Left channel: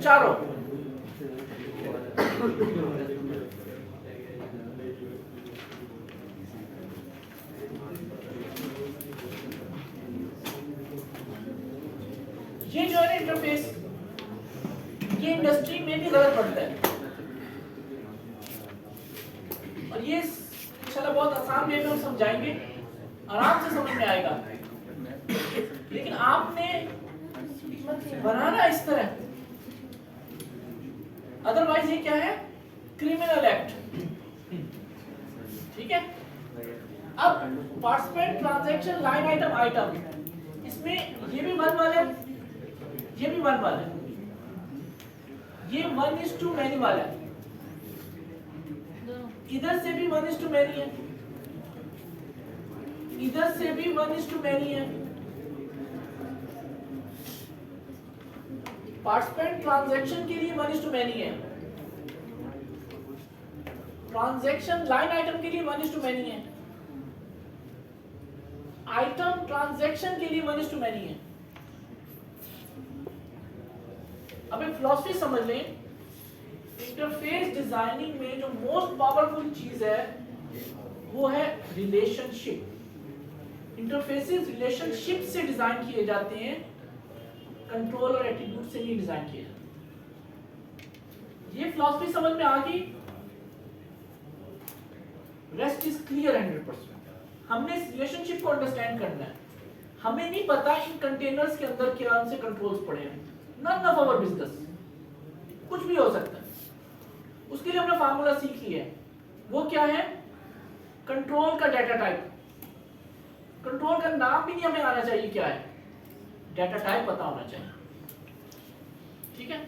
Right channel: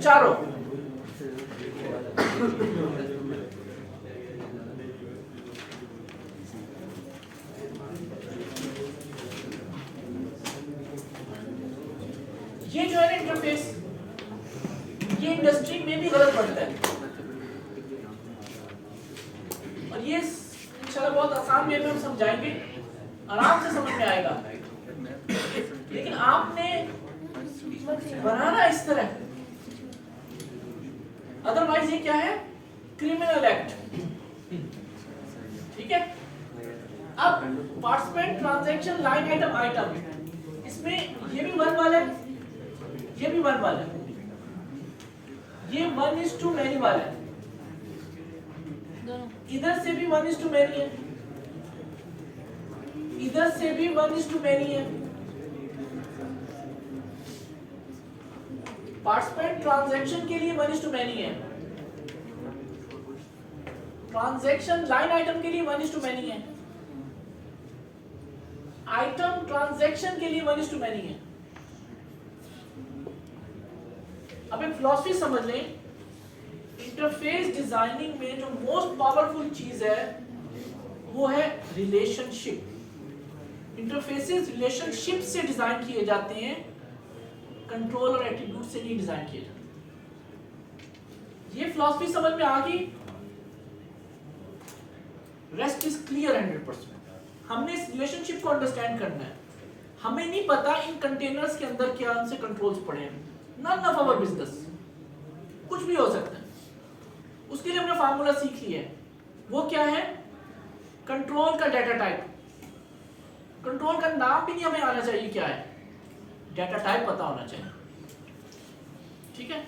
चारों। ये जो है इंटरफेस, ये इंडस्ट्री में भी गलत पड़ता है, और ये इंशाल्लाह बहुत आसान वे में हम समझाएंगे, आराम से समझ में आएगा। लेकिन आपने बनाना इस तरह, अदरवाइज ये क्या है, क्रिमिनल एक्ट। ठीक है। अब participant transaction line item item, इसमें ये भी 1 वाला है, ये भी 1 वाला है, ये 1:2 मैनी वाला है, इधर से भी 1:2 मैनी है, इधर से भी 1:2 मैनी है। पार्टिसिपेंट ट्रांजैक्शन के लिए 1:2 मैनी है, ट्रांजैक्शन लाइन आइटम के लिए 1:2 मैनी है, आइटम ट्रांजैक्शन के लिए 1:2 मैनी है। अब एक फिलॉसफी समझ लें, इंटरफेस डिजाइनिंग में जो मोस्ट पावरफुल चीज है वो है रिलेशनशिप। इंटरफेसेस रिलेशनशिप से डिजाइन किए जाते हैं, कंट्रोल और एट्रीब्यूट से नहीं डिजाइन किए जाते। ये फिलॉसफी समझ में आ गई, रेस्ट इज क्लियर 100%। हमने इस रिलेशनशिप को अंडरस्टैंड करना है। हमें नहीं पता इन कंटेनर्स के अंदर क्या से कंट्रोल्स पड़े हैं, नन ऑफ आवर बिजनेस, कुछ भी हो सकता है। उसके लिए हमने फार्मूला सीख लिया है, वो क्या है, कंट्रोल का डाटा टाइप। कंट्रोल का नाम भी नहीं हमें आना चाहिए क्या है, डाटा टाइप पता होना चाहिए। ठीक है।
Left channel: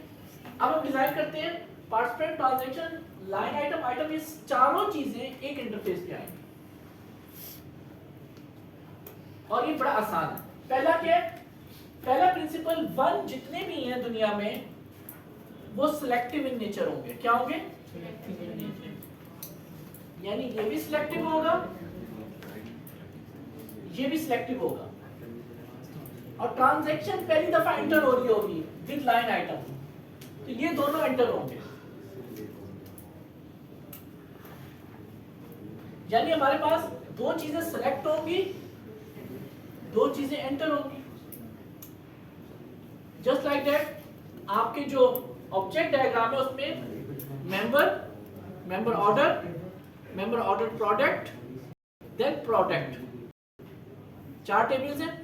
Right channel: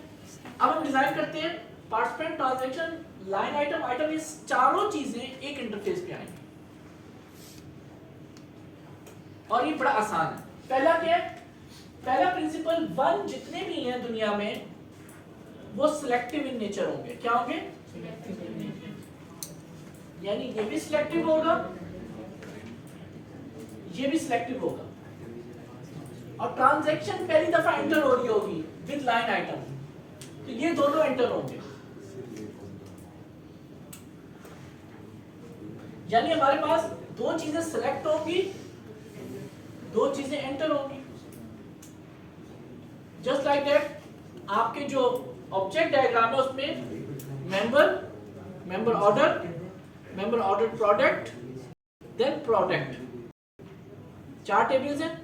अब हम डिजाइन करते हैं participant transaction line item item, इस चारों चीजें एक इंटरफेस पे आएंगी, और ये बड़ा आसान है। पहला क्या है, पहला प्रिंसिपल, 1 जितने भी हैं दुनिया में वो सिलेक्टिव इन नेचर होंगे। क्या होंगे, यानी ये भी सिलेक्टिव होगा, ये भी सिलेक्टिव होगा, और ट्रांजैक्शन पहली दफा एंटर हो रही होगी विद लाइन आइटम, तो ये दोनों एंटर होंगे। यानी हमारे पास 2 चीजें सिलेक्ट होंगी, 2 चीजें एंटर होंगी। जस्ट लाइक दैट, आपके जो ऑब्जेक्ट डायग्राम है उसमें member order product, then product, 4 tables हैं।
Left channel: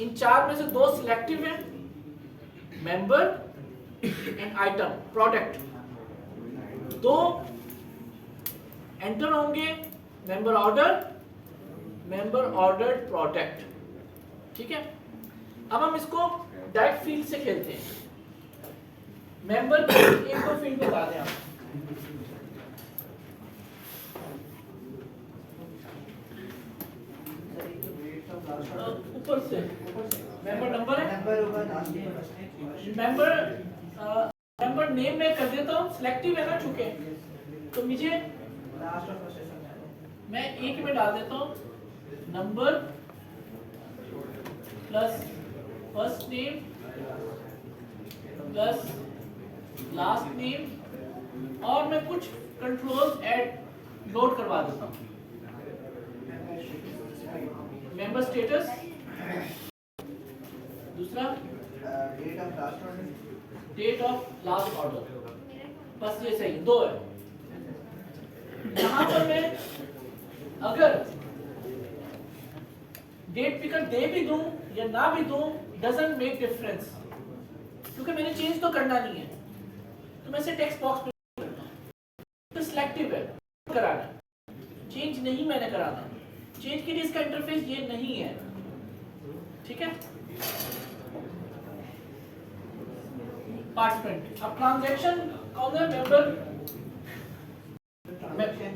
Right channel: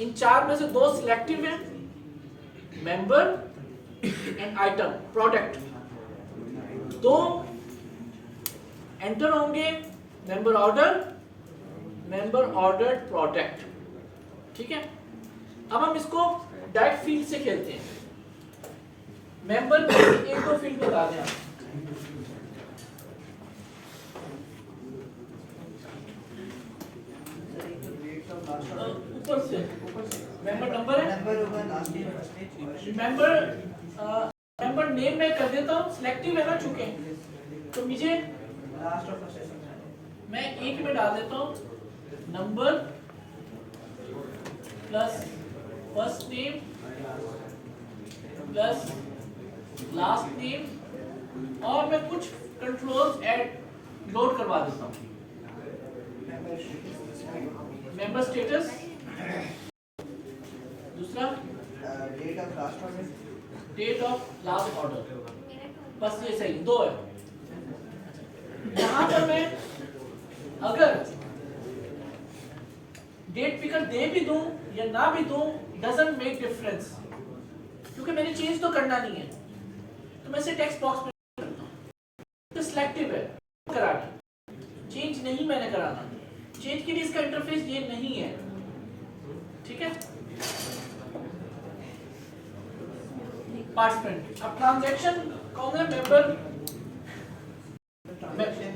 इन 4 में से 2 सिलेक्टिव हैं, member and item product. 2 enter होंगे, मेंबर ऑर्डर प्रोडक्ट। ठीक है। अब हम इसको डायरेक्ट फील्ड से खेलते हैं। मेंबर के 1-2 फील्ड बता दें आप। ऊपर से मेंबर नंबर है, मेंबर नेम में कर देता हूँ, सिलेक्टिव है ना चुके, तो मुझे मैं एक में डाल देता हूँ, number plus first name plus last name, और मैं कुछ कंट्रोल्स ऐड लोड करवा देता हूँ। मेंबर स्टेटस, दूसरा डेट ऑफ लास्ट ऑर्डर, बस ये सही 2 है। यहां पर मैं अगर डेट पिकर दे भी दूं या ना भी दूं, डजंट मेक डिफरेंस, क्योंकि मैंने चेंज तो करना नहीं है, तो मैं इसे टेक्स्ट बॉक्स में करता हूं। तो सिलेक्टिव है, कराना, चेंज नहीं मैंने कराना, चेंज के लिए इसका इंटरफेस ये नहीं है। ठीक है। पार्टिसिपेंट, अब ट्रांजैक्शन कौन है, member, transaction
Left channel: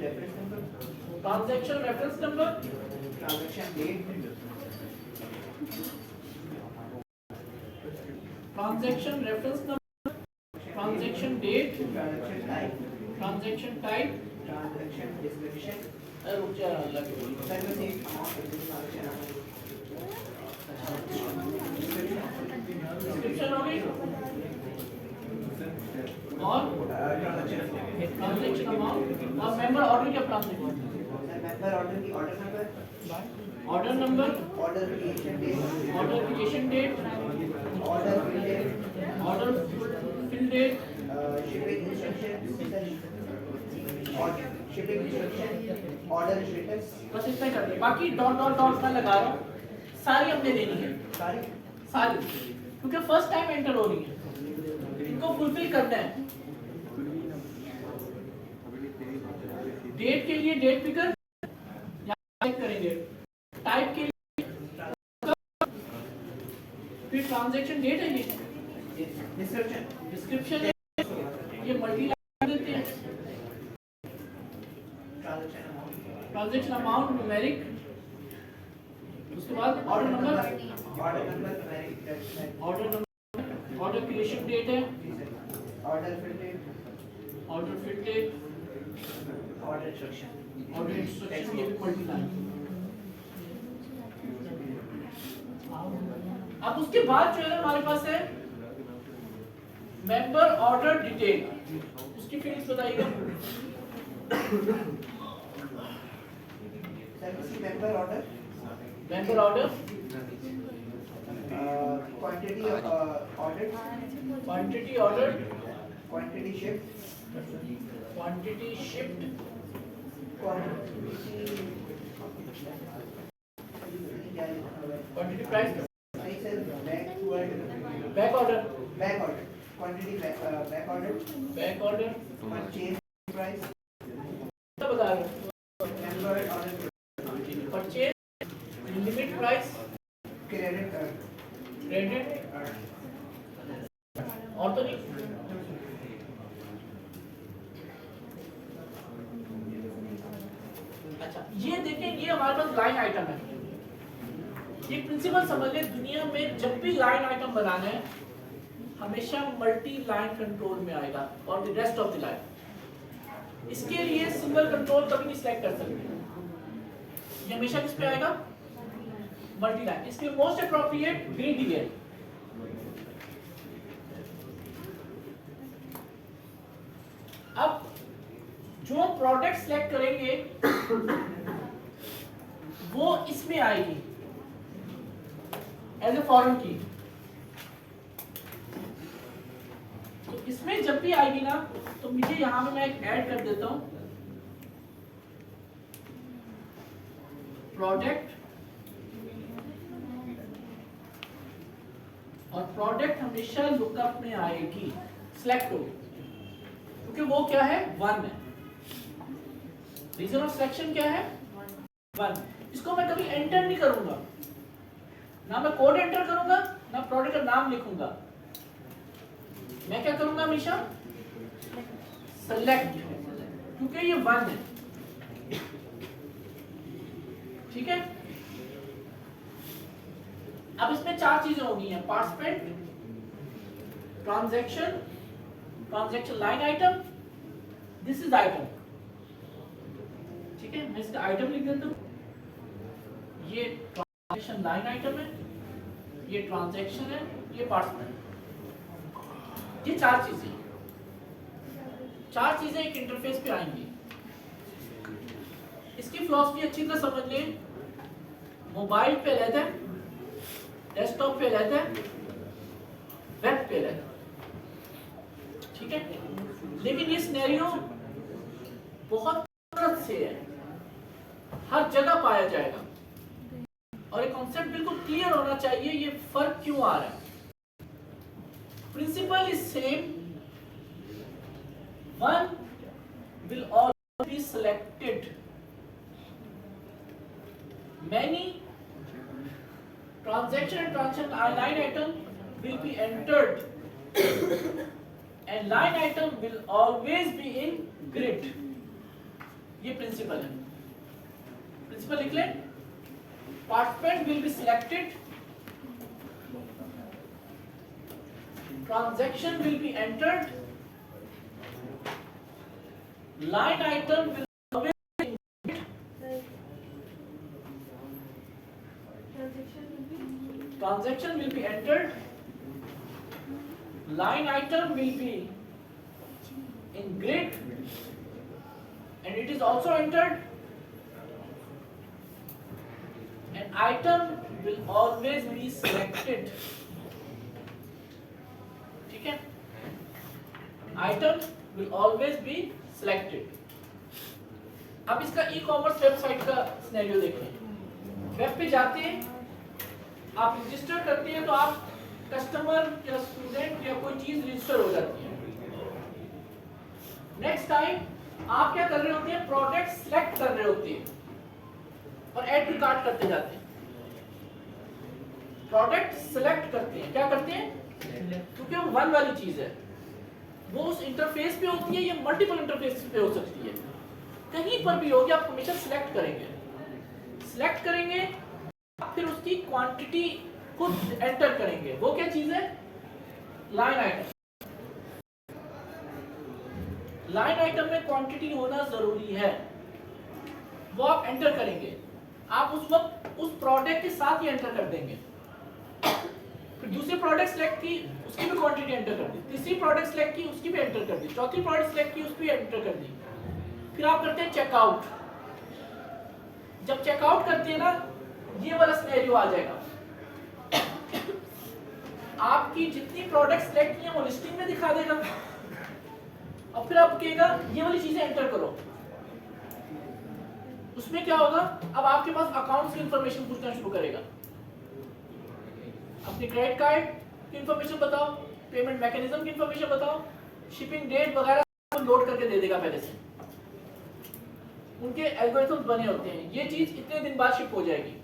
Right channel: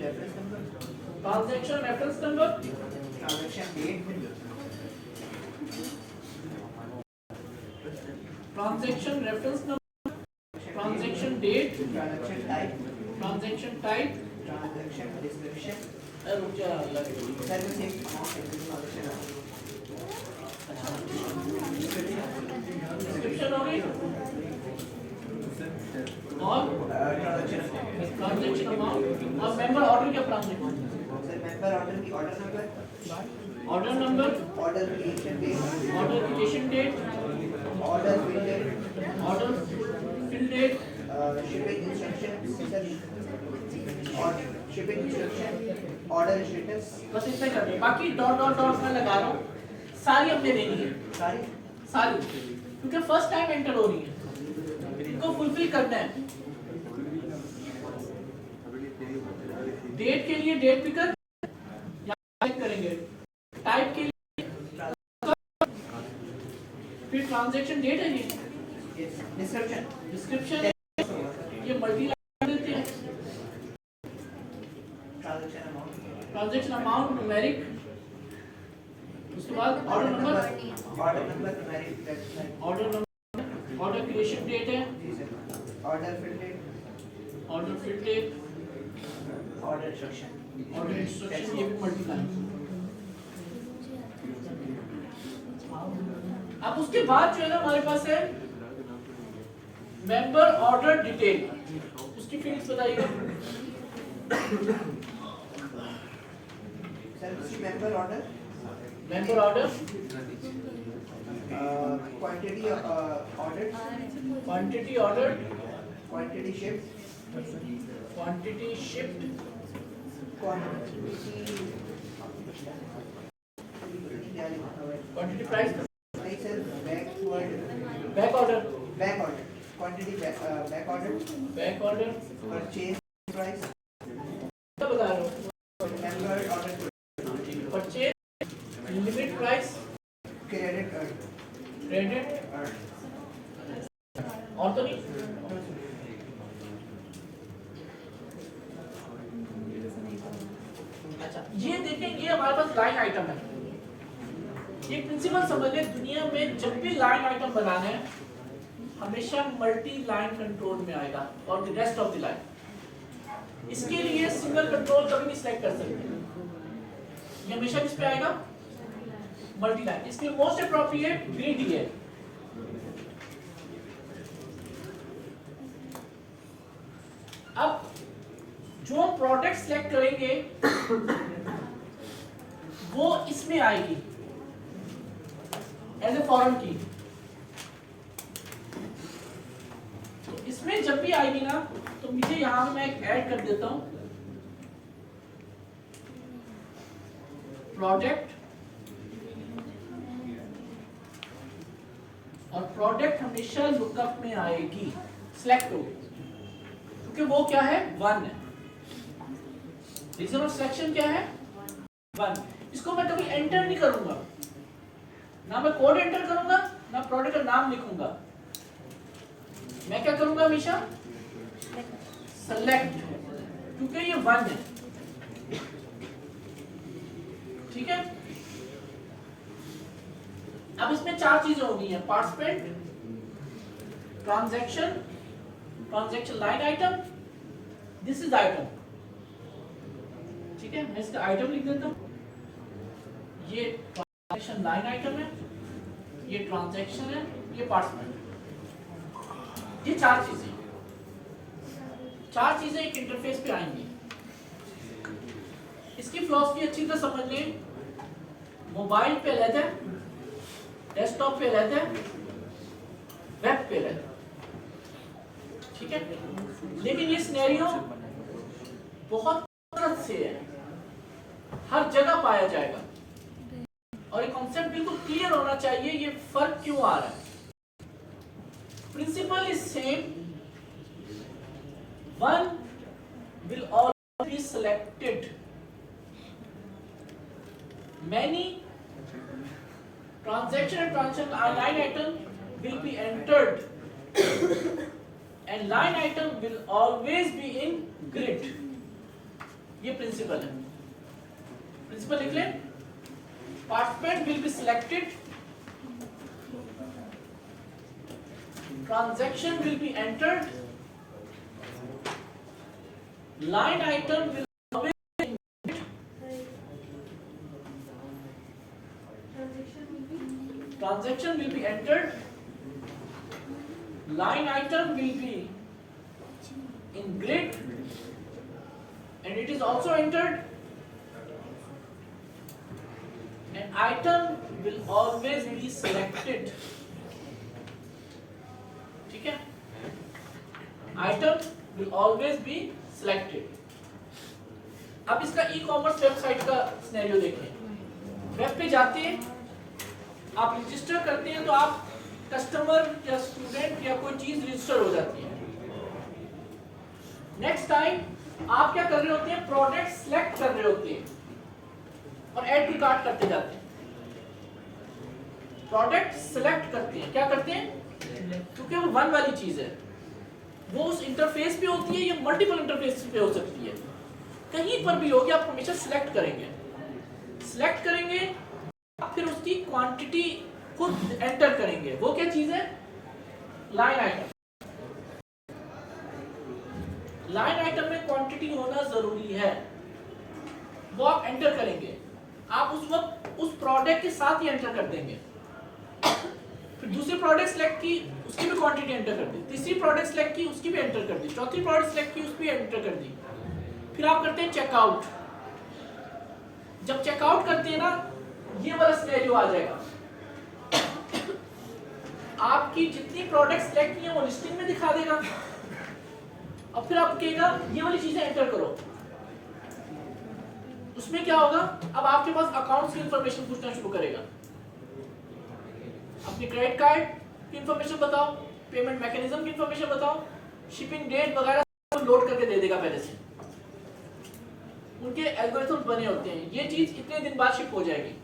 reference number, transaction reference number, transaction date, transaction type, transaction description. रुक जा, अलग डिस्क्रिप्शन हो गई और ट्रांजैक्शन अमाउंट और मेंबर ऑर्डर क्या प्राप्त है? मेंबर ऑर्डर की order number, order number, order creation date, order creation date, order fill date, order fill date, shipping instruction और शिपिंग इंस्ट्रक्शन, ऑर्डर स्टेटस, बस इतना ही कर दो। बाकी डॉट डॉट डॉट मैं लगा रहा हूँ, सारी अपने देनी है, सारी क्योंकि फर्स्ट टाइम एंटर हो रही है, इनको फुलफिल करना है। डेट के लिए डेट पिकर करेंगे, टाइप के लिए, फिर ट्रांजैक्शन डेट है ये, डिस्क्रिप्शन ये मल्टी लाइन देते हैं, ट्रांजैक्शन अमाउंट न्यूमेरिक, उसके बाद order number, order creation date है, order fill date, order instruction, ये भी मल्टी लाइन। अब उसके बाद जो है ना हमारे पास है मेंबर ऑर्डर डिटेल, उसकी फील्ड्स बताइएगा। Member order, member order, quantity order, quantity order, quantity shift, quantity shift, quantity price, back order, quantity back order, purchase price, बता रहा हूँ, member order, purchase, limit price, credit और तो नहीं। अच्छा ये देखें, ये हमारे पास लाइन आइटम है। ये प्रिंसिपल समझ लें, दुनिया में जब भी लाइन आइटम बनाना है हमेशा मल्टी लाइन कंट्रोल में आएगा और the rest of the line. इसके लिए सिंगल कंट्रोल कभी नहीं सिलेक्ट कर सकते, ये हमेशा किस पे आएगा? Multi line. इसके मोस्ट अप्रोप्रिएट ग्रिड ही है। अब जो प्रोडक्ट सिलेक्ट करेंगे वो इसमें आएगी एज ए फॉरेन की। तो इसमें जब भी आएगी ना, तो मुझे यहां पे मैं एक ऐड कर देता हूं, प्रोडक्ट, और प्रोडक्ट हमेशा लुकअप में आएगी, सिलेक्ट हो, क्योंकि वो क्या है? 1 है। रीजन ऑफ सिलेक्शन क्या है? 1। इसको मैं कभी एंटर नहीं करूंगा, ना मैं कोड एंटर करूंगा, ना प्रोडक्ट का नाम लिखूंगा। मैं क्या करूंगा? हमेशा सेलेक्ट, क्योंकि ये 1 है। ठीक है। अब इसमें 4 चीजें होगी हैं, participant, transaction, transaction line item, this is item. ठीक है, मैं इसका आइटम लिख देता हूं। ये ट्रांजैक्शन लाइन आइटम है, ये ट्रांजैक्शन है, ये पार्टिसिपेंट। ये 4 चीजें, 4 चीजें एक इंटरफेस पे आएंगी। इसकी फिलॉसफी अच्छी तरह समझ लें। मोबाइल पे अलग है, डेस्कटॉप पे अलग है, वेब पे अलग है। ठीक है, लेकिन ये सिनेरियो बहुत मदद से है, हर जगह पाया जाएगा और ये कॉन्सेप्ट बिल्कुल क्लियर होना चाहिए ये फर्क क्यों आ रहा है। Principle is same, 1 will always be selected, many transaction and transaction line item will be entered and line item will always be in grid। ये प्रिंसिपल है। प्रिंसिपल लिख लें, participant will be selected, transaction will be entered, line item will always be in grid, transaction will be entered, line item will be in grid and it is also entered, and item will always be selected. ठीक है, item will always be selected. अब इसका e-commerce website का scenario देखें। Web पे जाते हैं, आप रजिस्टर करते हैं तो आप कस्टमर या स्टूडेंट या कोई चीज रजिस्टर हो जाती है। नेक्स्ट टाइम आप क्या कर रहे होते हैं, प्रोडक्ट सिलेक्ट कर रहे होते हैं और ऐड टू कार्ट करते जाते हैं। प्रोडक्ट सिलेक्ट करते हैं, क्या करते हैं, क्योंकि वो वन वाली चीज है, वो उस इंटरफेस पे होती है या मल्टीपल इंटरफेस पे हो सकती है, कहीं पर भी होगी, आप हमेशा सिलेक्ट करेंगे। सिलेक्ट करेंगे फिर उसकी क्वांटिटी खुद एंटर करेंगे। वो क्या चीज है, लाइन आइटम। लाइन आइटम में क्वांटिटी होना जरूरी है, वो आप एंटर करेंगे। आप उस वक्त उस प्रोडक्ट के साथ ही एंटर कर देंगे। फिर दूसरी प्रोडक्ट सेलेक्ट की, उसकी भी क्वांटिटी एंटर कर दी। तीसरी प्रोडक्ट सेलेक्ट की, उसकी भी एंटर कर दी। चौथी प्रोडक्ट सेलेक्ट की, उसकी भी एंटर कर दी। फिर आप करते हैं चेकआउट। जब चेकआउट करते हैं ना, ये वाला सिनेरियो आ जाएगा। आपकी जितनी प्रोडक्ट सेलेक्ट की है वो लिस्टिंग में दिखा देगा और फिर आप कहेगा ये वाली चीजें एंटर करो। उसमें क्या होगा, अब आपके पास अकाउंट्स की इंफॉर्मेशन पूछना शुरू करेगा। अपने क्रेडिट कार्ड की इंफॉर्मेशन बताओ, पेमेंट मैकेनिज्म की इंफॉर्मेशन बताओ, शिपिंग डेट वगैरह लोड करके दे देगा पहले से। उनके एल्गोरिथम्स बने होते हैं, ये चीज इतने दिन बाद शिप हो जाएगी।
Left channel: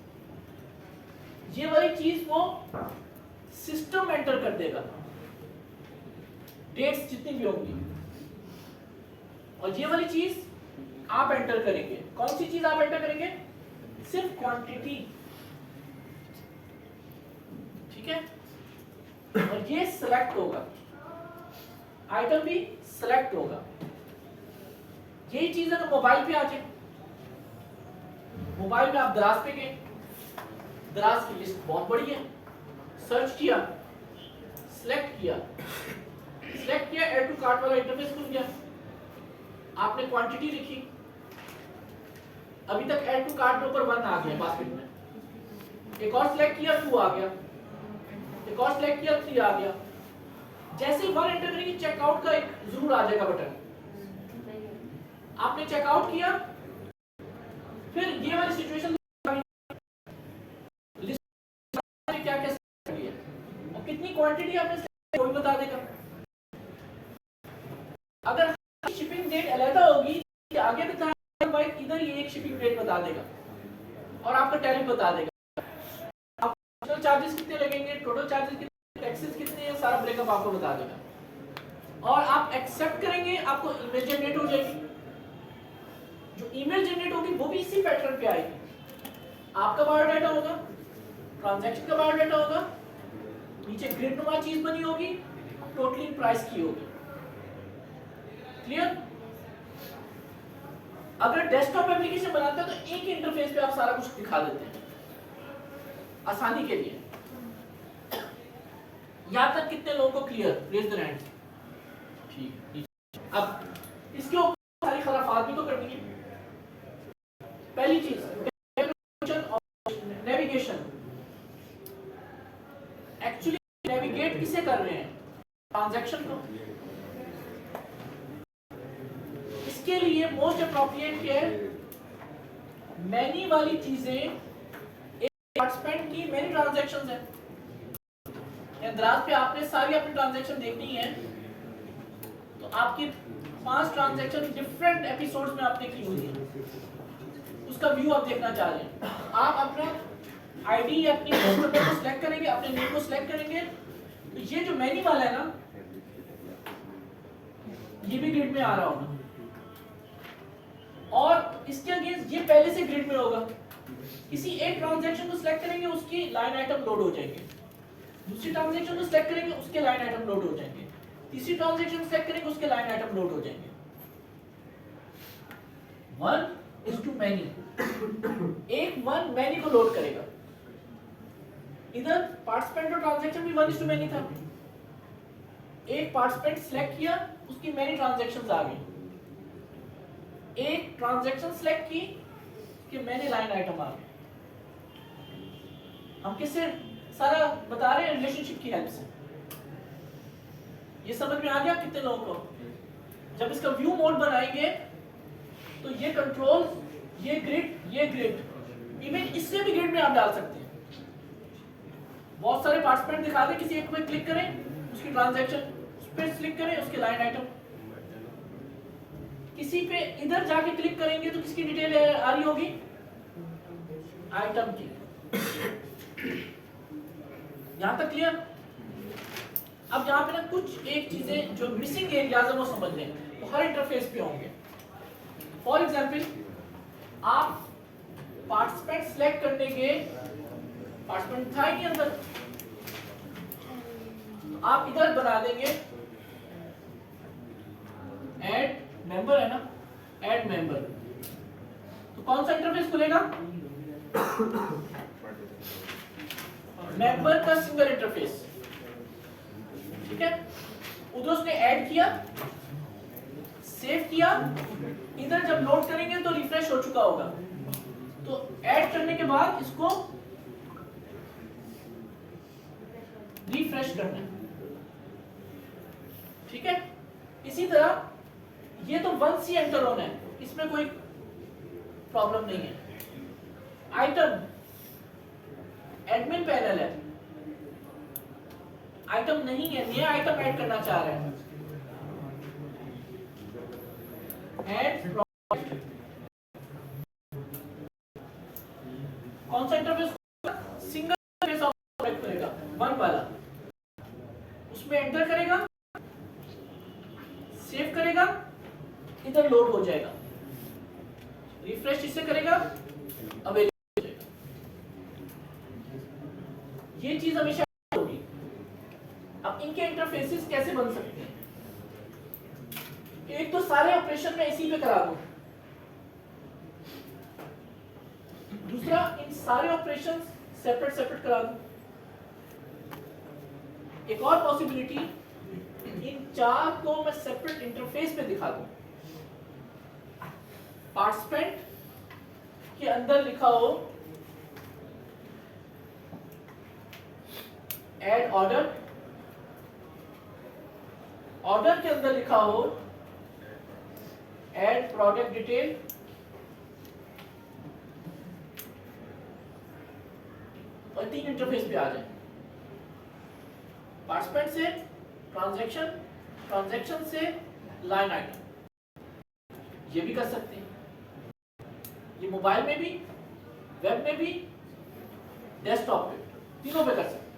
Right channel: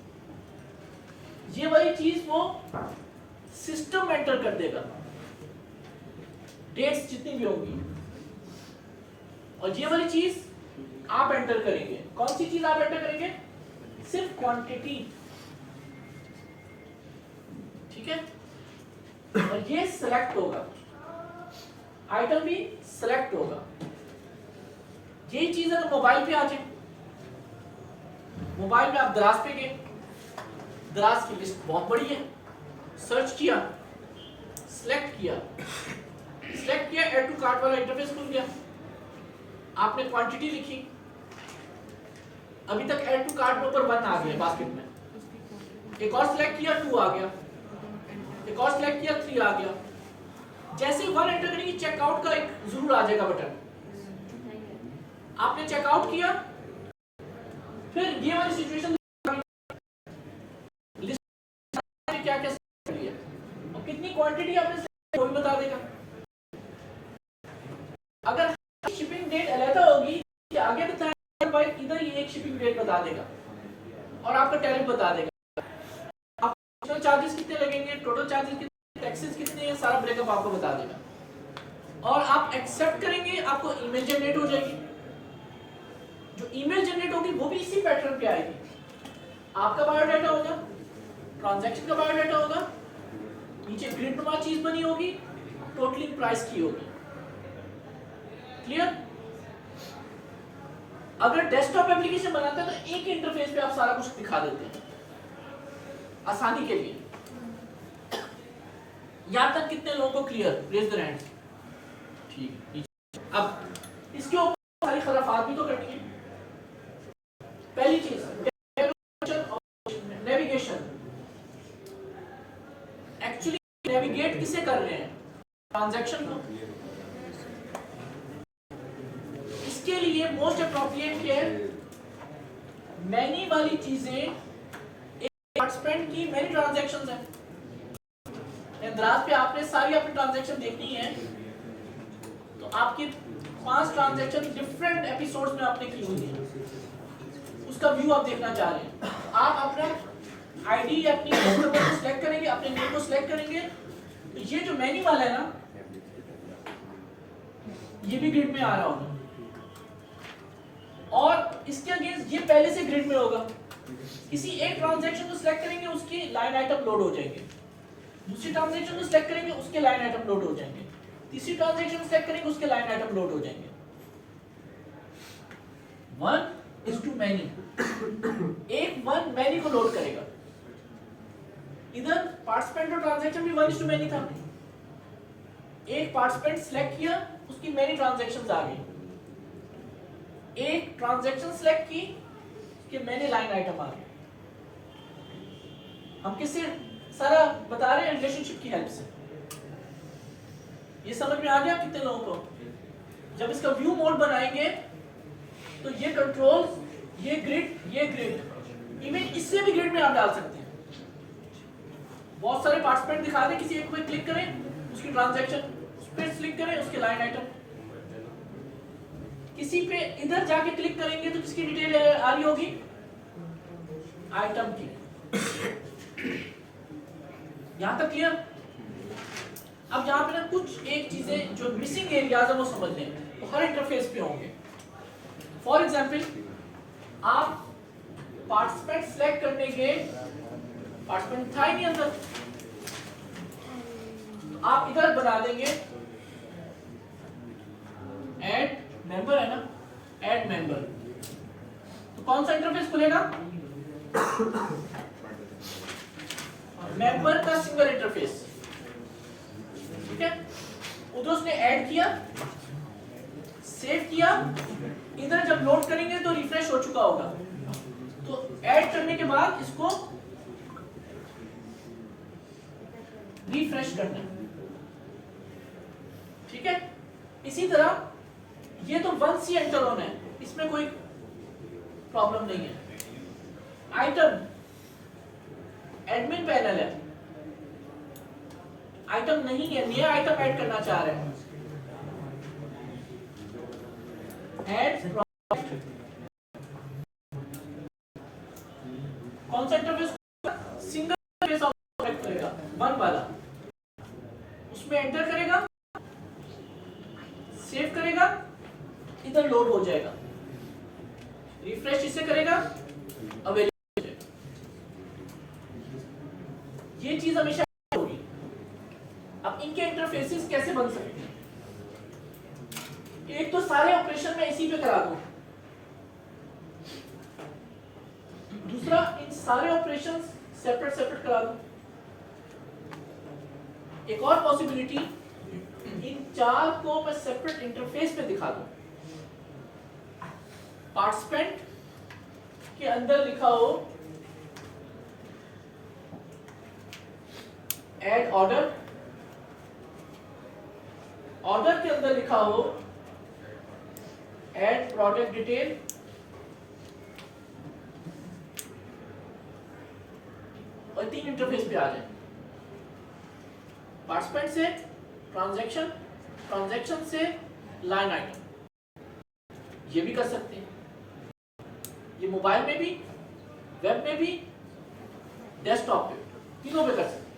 ये वाली चीज वो सिस्टम एंटर कर देगा, डेट्स जितनी भी होंगी, और ये वाली चीज आप एंटर करेंगे। कौन सी चीज आप एंटर करेंगे, सिर्फ क्वांटिटी, ठीक है। और ये सिलेक्ट होगा, आइटम भी सिलेक्ट होगा। यही चीज अगर मोबाइल पे आ जाए, मोबाइल में आप दराज पे गए, दराज की लिस्ट बहुत बड़ी है, सर्च किया, सिलेक्ट किया, ऐड टू कार्ट वाला इंटरफेस खुल गया। आपने क्वांटिटी लिखी, अभी तक ऐड टू कार्ट में ऊपर 1 आ गया बास्केट में। एक और सिलेक्ट किया, 2 आ गया। एक और सिलेक्ट किया, 3 आ गया। जैसे 1 एंटर करेंगे, चेकआउट का एक जरूर आ जाएगा बटन। आपने चेकआउट किया, फिर ये वाली सिचुएशन लिस्ट में क्या क्या लिया और कितनी क्वांटिटी आपने कोई बता देगा। अगर शिपिंग डेट अलग होगी, आगे बताया भाई इधर ये एक शिपिंग डेट बता देगा और आपका टैरिफ बता देगा। आपको चार्जेस कितने लगेंगे, टोटल चार्जेस कितने, टैक्सेस कितने हैं, सारा ब्रेकअप आपको बता देगा। और आप एक्सेप्ट करेंगे, आपको ईमेल जनरेट हो जाएगी। जो ईमेल जनरेट होगी वो भी इसी पैटर्न पे आएगी। आपका बायोडाटा होगा, ट्रांजैक्शन का बायोडाटा होगा, नीचे ग्रिड नुमा चीज बनी होगी, टोटली प्राइस की होगी। क्लियर। अगर डेस्कटॉप एप्लीकेशन बनाते हैं तो एक ही इंटरफेस पे आप सारा कुछ दिखा देते हैं आसानी के लिए। यहां तक कितने लोगों को क्लियर, रेज द हैंड। ठीक, अब इसके ऊपर सारी खराफात भी तो करनी है। पहली चीज नेविगेशन। एक्चुअली नेविगेट किसे कर रहे हैं, ट्रांजैक्शन को। इसके लिए मोस्ट अप्रोप्रिएट क्या है, मैनी वाली चीजें, एक पार्टिसिपेंट की मैनी ट्रांजैक्शंस है। दराज पे आपने सारी अपनी ट्रांजैक्शन देखनी है तो आपकी 5 ट्रांजैक्शन डिफरेंट एपिसोड्स में आपने की हुई है, उसका व्यू आप देखना चाह रहे हैं। आप अपना आईडी अपनी कस्टमर को सिलेक्ट करेंगे, अपने नेम को सिलेक्ट करेंगे, तो ये जो मेन्यू वाला है ना, ये भी ग्रिड में आ रहा होगा और इसके अगेंस्ट ये पहले से ग्रिड में होगा। किसी एक ट्रांजैक्शन को सिलेक्ट करेंगे, उसकी लाइन आइटम लोड हो जाएंगे। दूसरी ट्रांजैक्शन को सिलेक्ट करेंगे, उसके लाइन आइटम लोड हो जाएंगे। तीसरी ट्रांजैक्शन सिलेक्ट करेंगे, उसके लाइन आइटम लोड हो जाएंगे। 1:many। एक 1 many को लोड करेगा। इधर पार्टिसिपेंट और ट्रांजैक्शन भी 1:many था। एक पार्टिसिपेंट सिलेक्ट किया, उसकी मेनी ट्रांजैक्शंस आ गई। एक ट्रांजैक्शन सिलेक्ट की कि मैंने लाइन आइटम आ गया। हम किससे सारा बता रहे हैं? रिलेशनशिप की हेल्प से। ये समझ में आ गया कितने लोगों को? जब इसका व्यू मोड बनाएंगे तो ये कंट्रोल, ये ग्रिड, इवन इससे भी ग्रिड में आप डाल सकते हैं। बहुत सारे पार्टिसिपेंट दिखा दें, किसी एक पे क्लिक करें, उसकी ट्रांजैक्शन, उस पर क्लिक करें, उसके लाइन आइटम। किसी पे इधर जाके क्लिक करेंगे तो किसकी डिटेल आ रही होगी? आइटम की। यहां तक क्लियर? अब जहां पे ना कुछ एक चीजें जो मिसिंग एरियाज है वो समझ लें, तो हर इंटरफेस पे होंगे। फॉर एग्जाम्पल, आप पार्टिसिपेंट सिलेक्ट करने के, पार्टिसिपेंट था ही नहीं अंदर, तो आप इधर बना देंगे ऐड मेंबर, है ना, ऐड मेंबर। तो कौन सा इंटरफेस खुलेगा? मेंबर का सिंगल इंटरफेस। ठीक है, उधर उसने ऐड किया, सेव किया, इधर जब लोड करेंगे तो रिफ्रेश हो चुका होगा। तो ऐड करने के बाद इसको रिफ्रेश करना है। ठीक है, इसी तरह ये तो वंस ही एंटर होना है, इसमें कोई प्रॉब्लम नहीं है। आइटम, एडमिन पैनल है, आइटम नहीं है, नया आइटम ऐड करना चाह रहे हैं, ऐड प्रोडक्ट। कौन सा interface? Single interface of product करेगा, वन वाला। उसमें एंटर करेगा, सेव करेगा, इधर लोड हो जाएगा, रिफ्रेश इसे करेगा, अवेलेबल हो जाएगा। ये चीज हमेशा होगी। अब इनके इंटरफेसेस कैसे बन सकते हैं? एक तो सारे ऑपरेशन में इसी पे करा दो, दूसरा इन सारे ऑपरेशंस सेपरेट सेपरेट करा दो। एक और पॉसिबिलिटी, इन चार को मैं सेपरेट इंटरफेस पे दिखा दूं। पार्टिसिपेंट के अंदर लिखा हो ऐड ऑर्डर, ऑर्डर के अंदर लिखा हो ऐड प्रोडक्ट डिटेल, और तीन इंटरफेस पे आ जाए। पार्टिसिपेंट से ट्रांजैक्शन, ट्रांजैक्शन से लाइन आइटम, ये भी कर सकते हैं। ये मोबाइल में भी, वेब में भी, डेस्कटॉप पे, तीनों पे कर सकते हैं।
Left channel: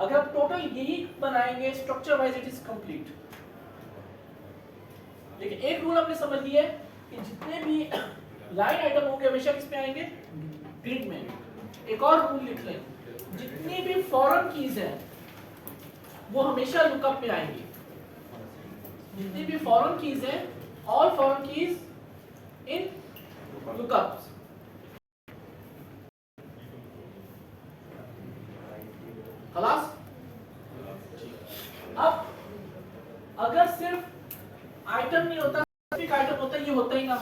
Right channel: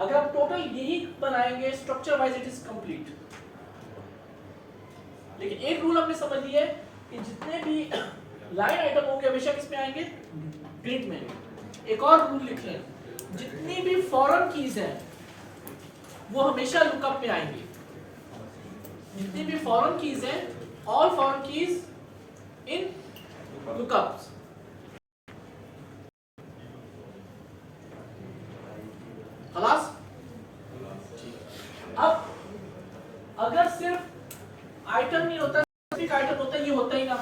अगर आप टोटल यही बनाएंगे structure wise, it is complete. लेकिन एक रूल हमने समझ लिया है कि जितने भी लाइन आइटम होंगे हमेशा किस में आएंगे? ग्रिड में। एक और रूल लिख लें, जितनी भी फॉरेन कीज हैं वो हमेशा लुकअप में आएंगी। जितनी भी फॉरेन कीज हैं, ऑल फॉरेन कीज इन लुकअप्स। खलास? अब अगर सिर्फ आइटम नहीं होता, स्पेसिफिक आइटम होता, ये होता ही ना,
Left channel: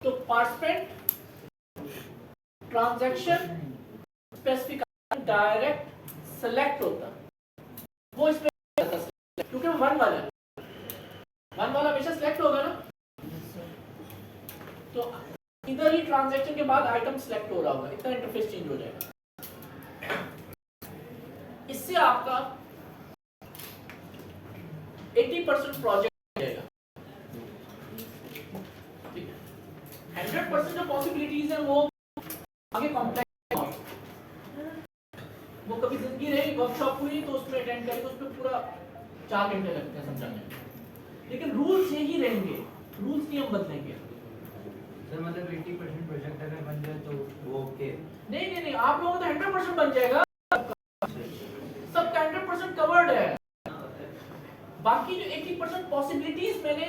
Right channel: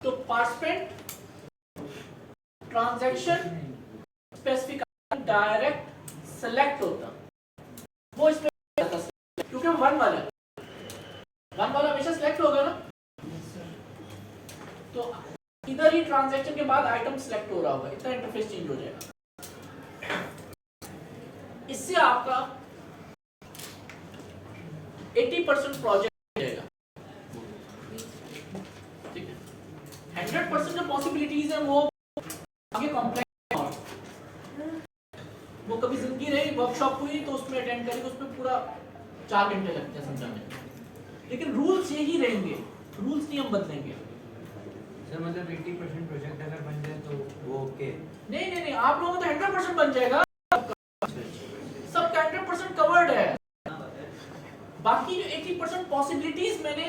तो participant, transaction, specific direct select होता, वो इसमें क्योंकि वन वाला है, वन वाला हमेशा सिलेक्ट होगा ना, तो इधर ही ट्रांजैक्शन के बाद आइटम सिलेक्ट हो रहा होगा, इतना इंटरफेस चेंज हो जाएगा। इससे आपका 80% प्रोजेक्ट जाएगा। ठीक है, 100% जो पॉसिबिलिटीज है वो आगे कॉम्प्लेक्स, वो कभी जिंदगी रही, वर्कशॉप हुई तो उसमें अटेंड करेंगे, उसमें पूरा 4 घंटे लगते हैं समझाने। लेकिन रूल्स यही रहेंगे, रूल्स नहीं हम बदलेंगे। सर मतलब 80% प्रोजेक्ट अगर बन जाए तो वो ओके? नहीं, आप लोगों का 100% बन जाएगा, सबका 100% कवर्ड है। बाकी जो 80% पॉसिबिलिटीज मैंने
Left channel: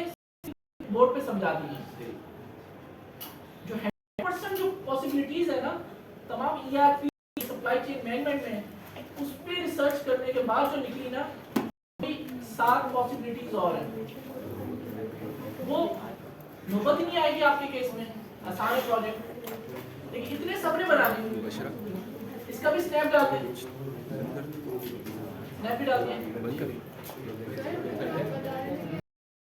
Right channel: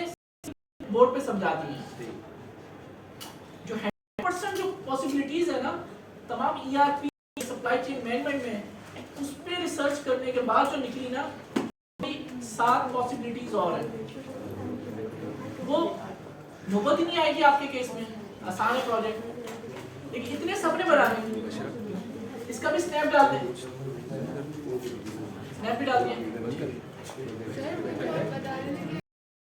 बोर्ड पे समझा दी हैं। जो 100% जो पॉसिबिलिटीज है ना, तमाम ERP, सप्लाई चेन मैनेजमेंट में, उस पे रिसर्च करने करने के बाद जो निकली ना 7 पॉसिबिलिटीज और हैं, वो नौबत ही नहीं आएगी आपके केस में, आसान है प्रोजेक्ट, लेकिन इतने सबने बनाए। इसका भी स्नैप डाल दें, स्नैप भी डाल दिया।